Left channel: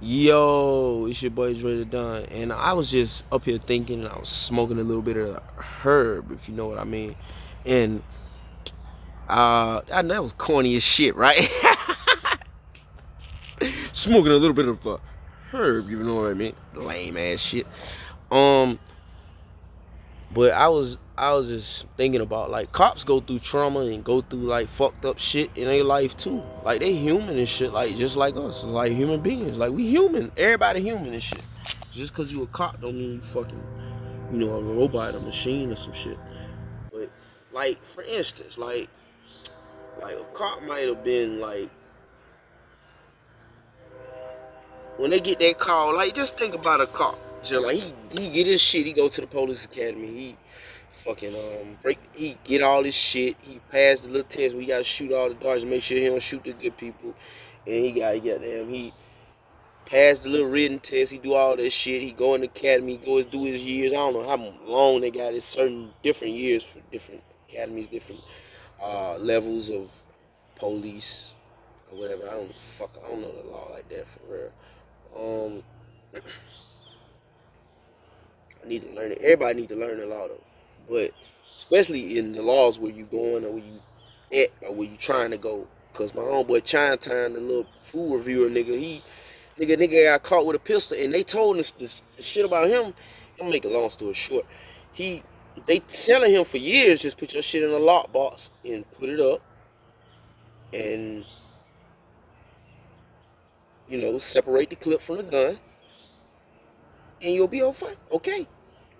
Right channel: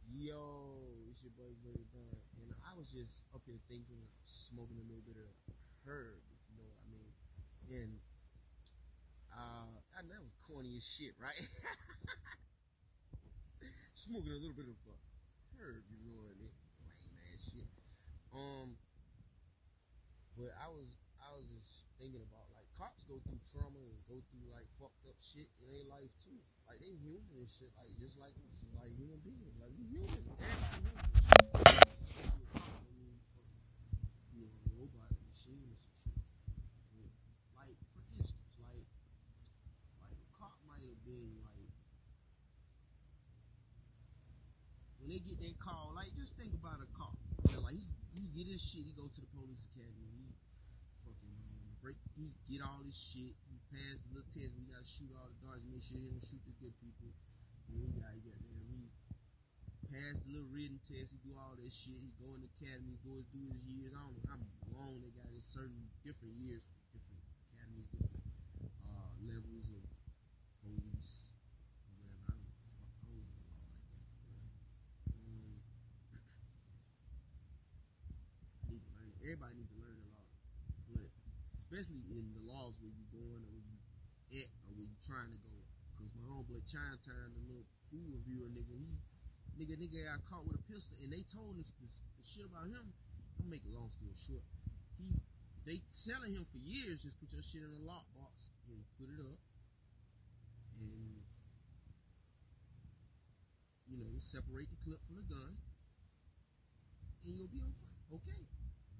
Yo, it's your boy Dre the Don, and I was just up here thinking, and I was smoking a little bit of herb, if you know what I mean. And that was corny as shit, right? Smoking a little bit of herb, you know what I mean? Lame ass shit. Um, but I was just thinking about, like, cops go through trauma and go through like fucked up shit in their life too. Like, they human and shit, like just like us, like human beings. Like, we human, everybody human and shit. Just cause you a cop don't mean you fucking, a robot, a machine or some shit. But, like, for instance, like a cop might have been like, when they get that call, like, just think about a cop. Just like, he get his shit, he go to the police academy, he fucking he get all his shit, he passed the little test where he gotta shoot all the darts and make sure he don't shoot the good people, and he passed the little written test, he do all that shit, he go in the academy, he goes do his years. I don't know how long they got, it's certain different years for different academies, different levels of police or whatever. I don't know the law like that for real. Um, I need to learn it. Everybody need to learn the law though, but especially in the laws where you going or where you at or where you trying to go. Cause my homeboy Chinatown, the little food reviewer nigga got caught with a pistol, and they told us this shit about him. I'm make a long story short. They telling him for years, just put your shit in a lockbox and put it up, and separate the clip from the gun, and you'll be okay.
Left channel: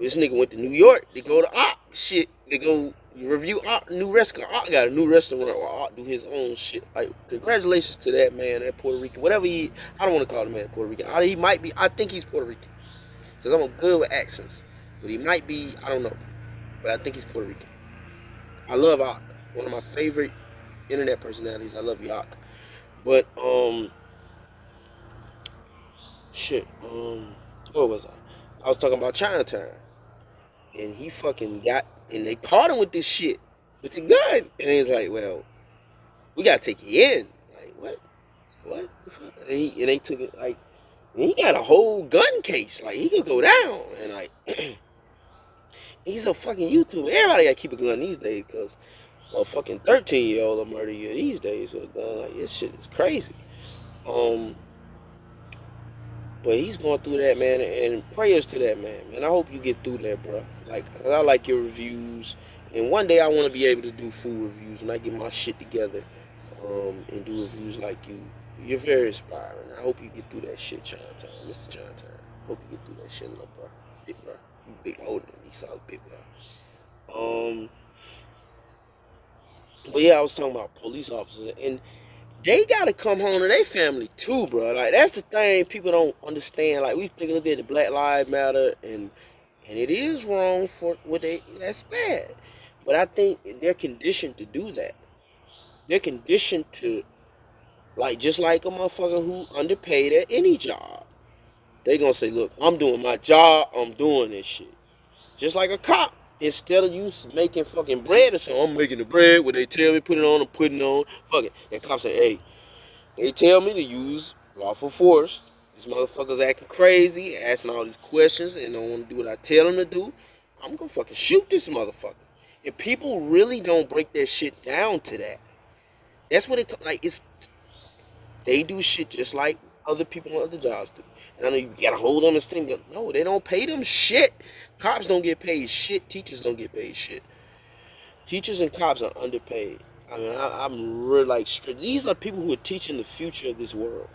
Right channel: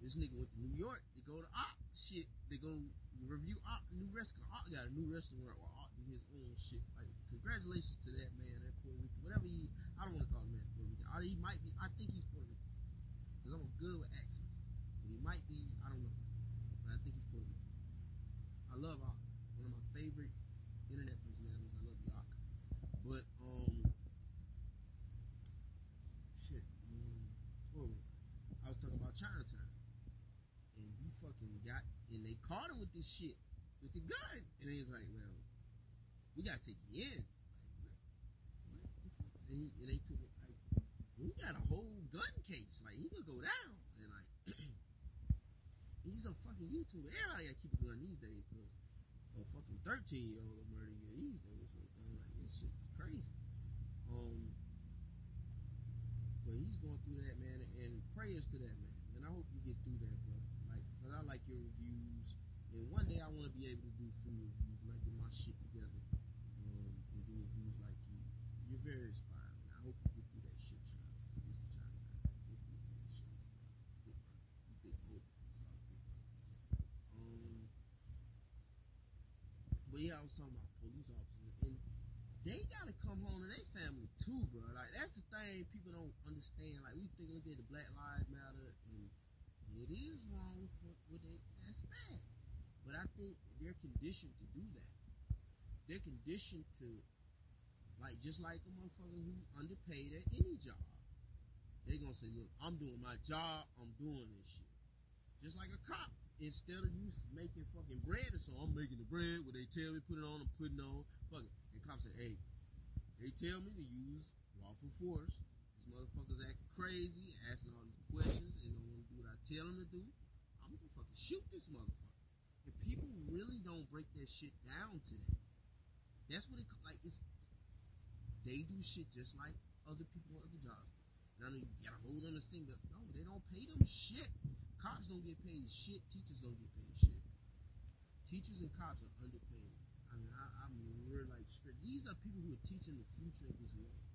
This nigga went to New York. They go to shit. They go review new restaurant. Got a new restaurant where do his own shit. Like, congratulations to that man, that Puerto Rican. Whatever I don't want to call the man Puerto Rican. He might be. I think he's Puerto Rican. Because I'm good with accents. But he might be, I don't know. But I think he's Puerto Rican. I love Ak. One of my favorite internet personalities. I love Yak. But, what was I? I was talking about Chinatown. And he fucking and they caught him with this shit, with the gun. And he's like, well, we gotta take you in. Like, what? What? And they took it, like, and he got a whole gun case. Like, he could go down. And, like, he's a fucking YouTuber. Everybody gotta keep a gun these days, because a fucking 13-year-old will murder you these days with a gun. Like, this shit is crazy. But he's going through that, man, and prayers to that man. I hope you get through that, bro. Like, I like your reviews, and one day I want to be able to do food reviews when I get my shit together, and do reviews like you. You're very inspiring. I hope you get through that shit, Chinatown. Mr. Chinatown. Hope you get through that shit, little bro. Big bro. You big older than me, so I was big bro. But yeah, I was talking about police officers, and they gotta come home to their family too, bro. Like, that's the thing people don't understand. Like, we look at the Black Lives Matter, and it is wrong for what that's bad. But I think they're conditioned to do that. They're conditioned to, like, just like a motherfucker who underpaid at any job. They gonna say, look, I'm doing my job, I'm doing this shit. Just like a cop. Instead of you making fucking bread or something, I'm making the bread. What they tell me, put it on, I'm putting it on. Fuck it. That cop say, hey, they tell me to use lawful force. These motherfuckers acting crazy, asking all these questions, and don't want to do what I tell them to do. I'm gonna fucking shoot this motherfucker. And people really don't break their shit down to that. That's what they do shit just like other people on other jobs do. And I know you gotta hold them and sting them. No, they don't pay them shit. Cops don't get paid shit. Teachers don't get paid shit. Teachers and cops are underpaid. I mean, I'm really like strict. These are people who are teaching the future of this world.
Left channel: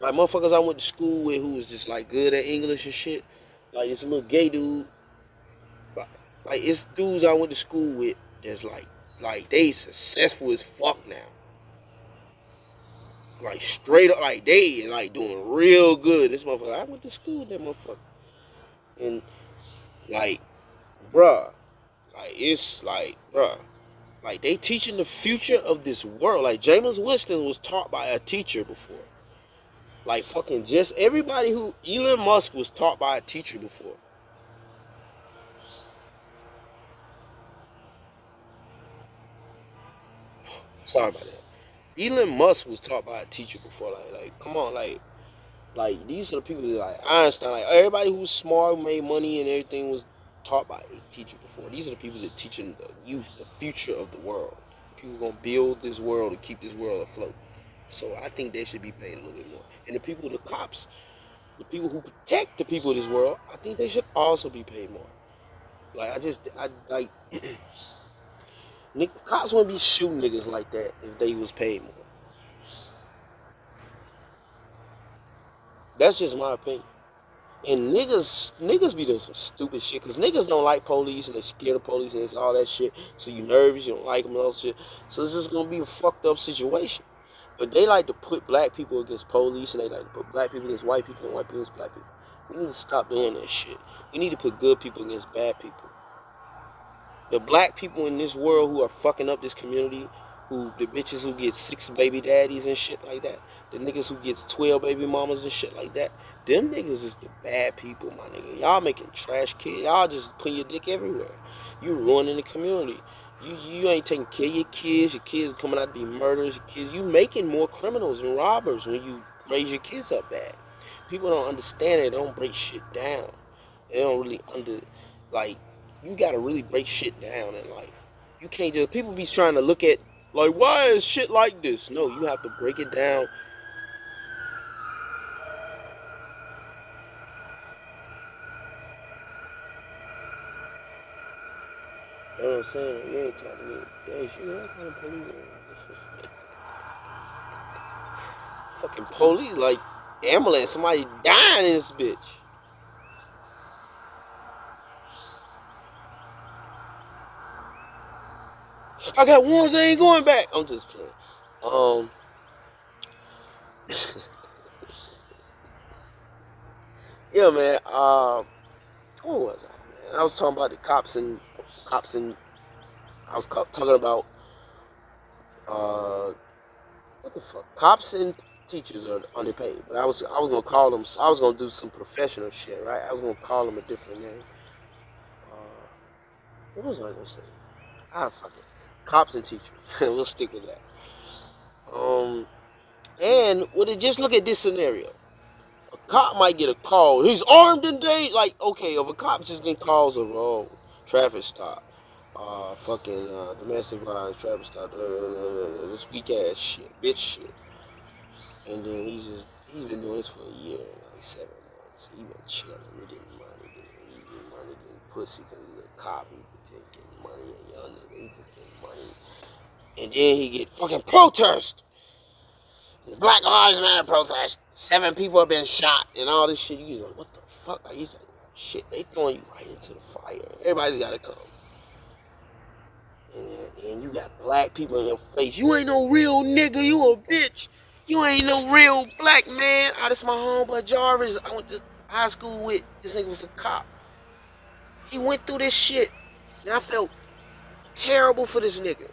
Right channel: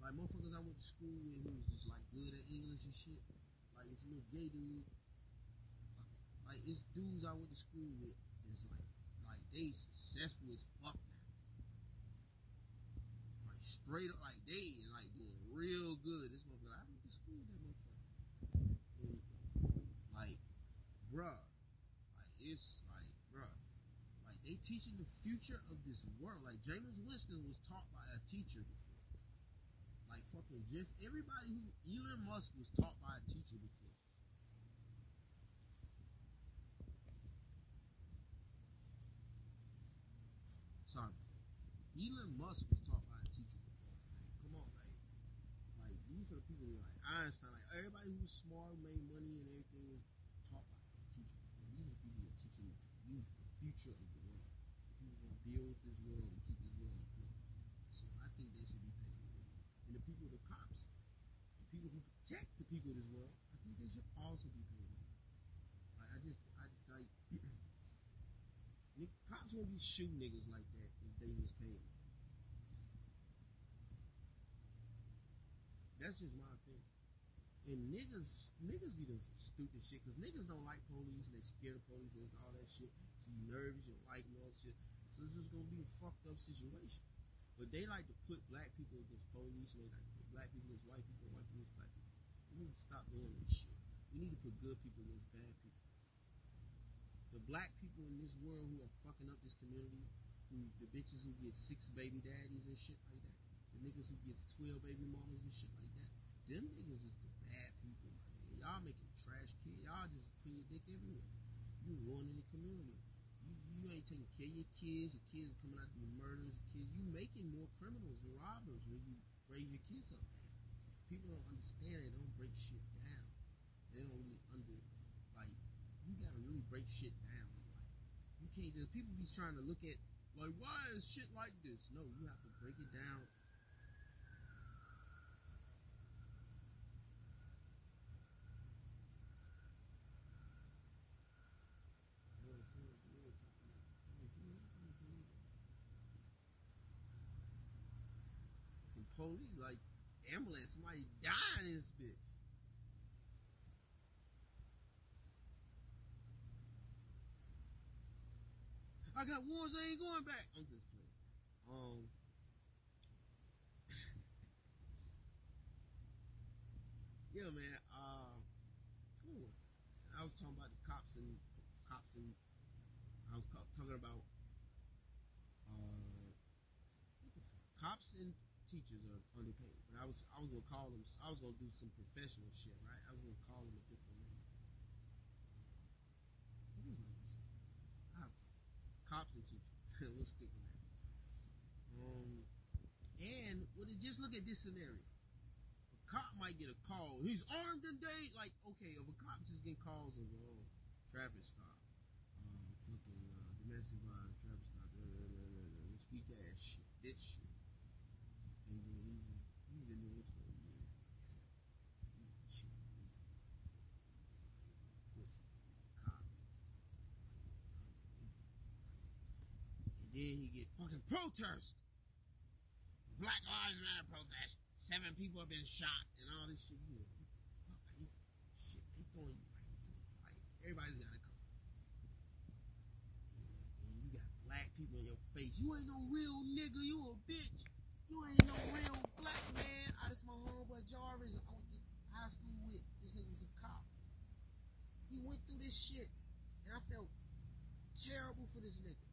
Like, motherfuckers I went to school with who was just like good at English and shit. Like, this little gay dude. Like, it's dudes I went to school with that's like they successful as fuck now. Like, straight up, like, they like doing real good. This motherfucker, I went to school with that motherfucker. And, like, bruh, like, it's like, bruh, like, they teaching the future of this world. Like, Jameis Winston was taught by a teacher before. Like, fucking just everybody who, Elon Musk was taught by a teacher before. Sorry about that. Elon Musk was taught by a teacher before. Like, come on, like, Like, these are the people that, like, Einstein, like, everybody who's smart, who made money and everything was taught by a teacher before. These are the people that teaching the youth the future of the world. The people who are going to build this world and keep this world afloat. So I think they should be paid a little bit more. And the people, the cops, the people who protect the people of this world, I think they should also be paid more. Like, cops wouldn't be shooting niggas like that if they was paid more. That's just my opinion. And niggas be doing some stupid shit, because niggas don't like police, and they scared of police, and it's all that shit. So you nervous, you don't like them and all that shit. So it's just gonna be a fucked up situation. But they like to put black people against police, and they like to put black people against white people, and white people against black people. We need to stop doing that shit. We need to put good people against bad people. The black people in this world who are fucking up this community, the bitches who get 6 baby daddies and shit like that, the niggas who gets 12 baby mamas and shit like that, them niggas is the bad people, my nigga. Y'all making trash kids. Y'all just putting your dick everywhere. You ruining the community. You ain't taking care of your kids. Your kids coming out to be murderers. Your kids, you making more criminals and robbers when you raise your kids up bad. People don't understand it. They don't break shit down. They don't really you gotta really break shit down in life. You can't just, people be trying to look at, like, why is shit like this? No, you have to break it down. You know what I'm saying? You ain't talking to me. Damn, shit, what kind of police are fucking police, like, ambulance, somebody dying in this bitch. I got ones that ain't going back. I'm just playing. Yeah, man. What was I, man? I was talking about the cops and I was talking about what the fuck? Cops and teachers are underpaid, but I was gonna call them. I was gonna do some professional shit, right? I was gonna call them a different name. What was I gonna say? Fuck it. Cops and teachers. We'll stick with that. And just look at this scenario. A cop might get a call. He's armed and dangerous. Like, okay, if a cop's just getting calls of traffic stop, domestic violence, traffic stop, this weak ass shit, bitch shit, and then he's been doing this for a year, like 7 months. He been chilling, getting money, getting pussy, because he's a cop. He's just getting money, a young nigga. He's just getting money, and then he get fucking protest. Black Lives Matter protest. 7 people have been shot and all this shit. You like, what the fuck? Like, he's like, shit, they throwing you right into the fire. Everybody's gotta come. And you got black people in your face. You ain't no real nigga. You a bitch. You ain't no real black man. This my homeboy Jarvis. I went to high school with. This nigga was a cop. He went through this shit. And I felt terrible for this nigga.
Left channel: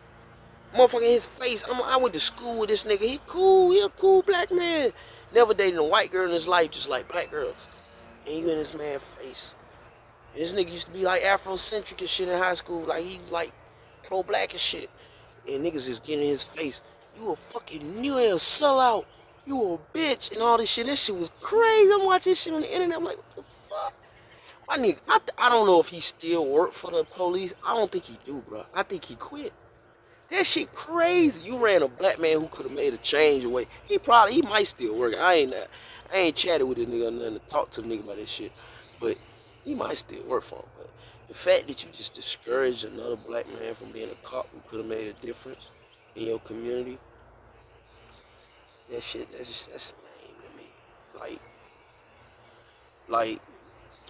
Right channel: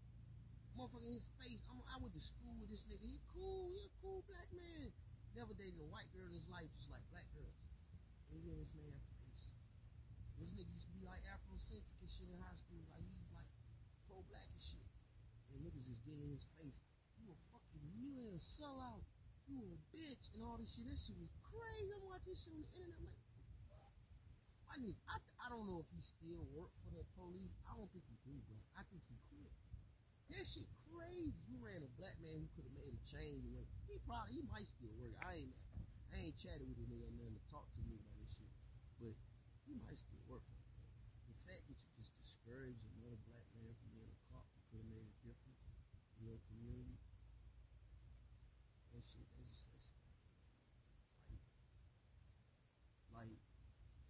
Motherfucker in his face. I went to school with this nigga. He cool. He a cool black man. Never dated a white girl in his life, just like black girls. And you in this man's face. And this nigga used to be like Afrocentric and shit in high school. Like, he was like pro-black and shit. And niggas just getting in his face. You a fucking New Year sellout. You a bitch. And all this shit. This shit was crazy. I'm watching this shit on the internet. I'm like, what the fuck? My nigga, I don't know if he still work for the police. I don't think he do, bro. I think he quit. That shit crazy. You ran a black man who could have made a change away. He might still work. I ain't chatted with this nigga or nothing to talk to the nigga about this shit. But he might still work for him. But the fact that you just discouraged another black man from being a cop who could have made a difference in your community, that's lame to me. Like,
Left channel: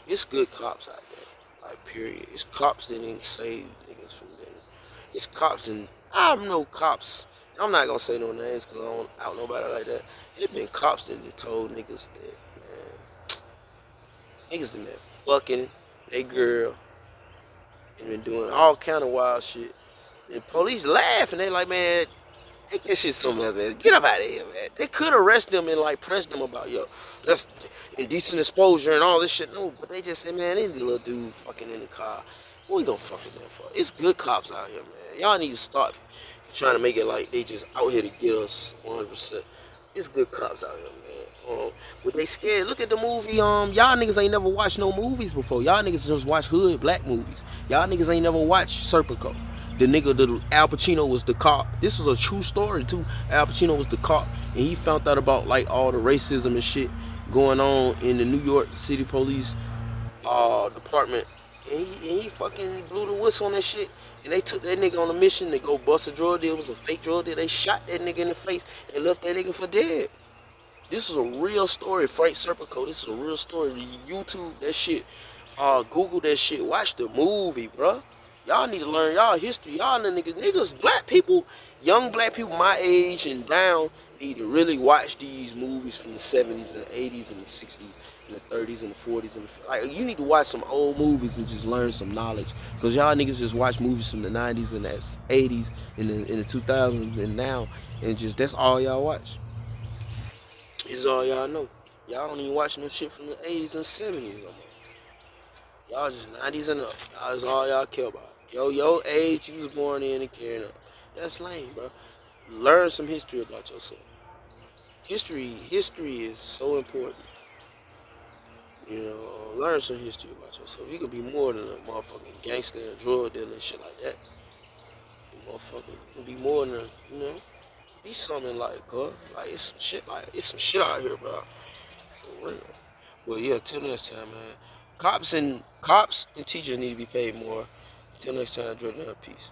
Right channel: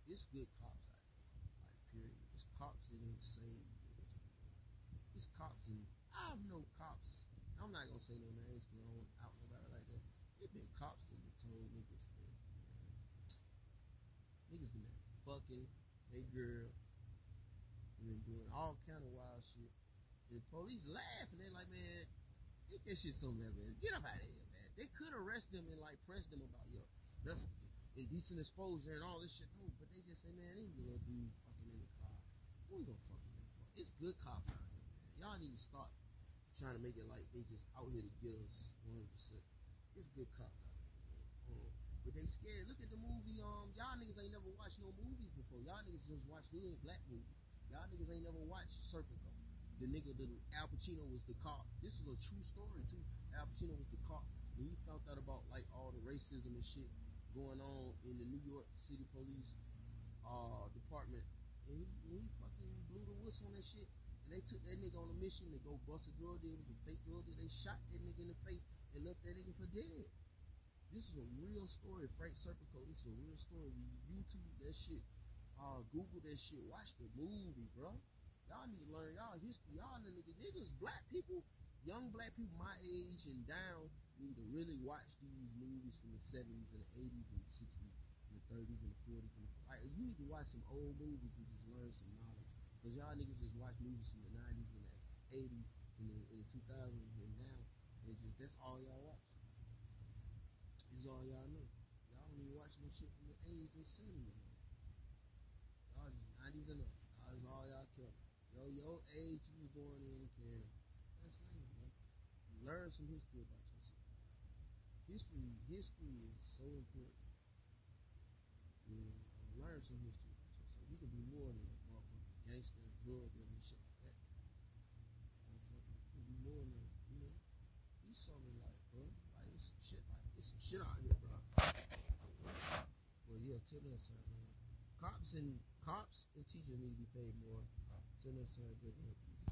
it's good cops out there. Like, period. It's cops that ain't saved niggas from them. It's cops and I'm no cops. I'm not gonna say no names because I don't know nobody like that. It been cops that told niggas that, man, niggas that been fucking they girl and been doing all kind of wild shit. And the police laugh and they like, man, take that shit somewhere, man. Get up out of here, man. They could arrest them and like press them about, yo, that's indecent exposure and all this shit. No, but they just said, man, this little dude fucking in the car. What we gonna fuck with them for? It's good cops out here, man. Y'all need to start trying to make it like they just out here to get us 100%. It's good cops out here, man. But they scared. Look at the movie. Y'all niggas ain't never watched no movies before. Y'all niggas just watch hood black movies. Y'all niggas ain't never watched Serpico. The nigga, the Al Pacino was the cop. This was a true story too. Al Pacino was the cop, and he found out about like all the racism and shit going on in the New York City Police department, and he fucking blew the whistle on that shit. And they took that nigga on a mission to go bust a drug deal. It was a fake drug deal. They shot that nigga in the face and left that nigga for dead. This is a real story, Frank Serpico. This is a real story. YouTube that shit. Google that shit. Watch the movie, bruh. Y'all need to learn y'all history. Y'all the niggas, black people, young black people my age and down need to really watch these movies from the 70s and the 80s and the 60s and the 30s and the 40s and like you need to watch some old movies and just learn some knowledge. Cause y'all niggas just watch movies from the 90s and the 80s and in the 2000s and now, and just that's all y'all watch. Is all y'all know. Y'all don't even watch no shit from the 80s and 70s no more. Y'all just 90s and up. That's all y'all care about. Your age you was born in and carrying up. That's lame, bro. Learn some history about yourself. History is so important. You know, learn some history about yourself. You can be more than a motherfucking gangster and drug dealer and shit like that. You motherfucker, you can be more than a, you know, be something like, like it's some shit out here, bro. For real. Well, yeah. Till next time, man. Cops and teachers need to be paid more. Till next time, Jordan. Peace.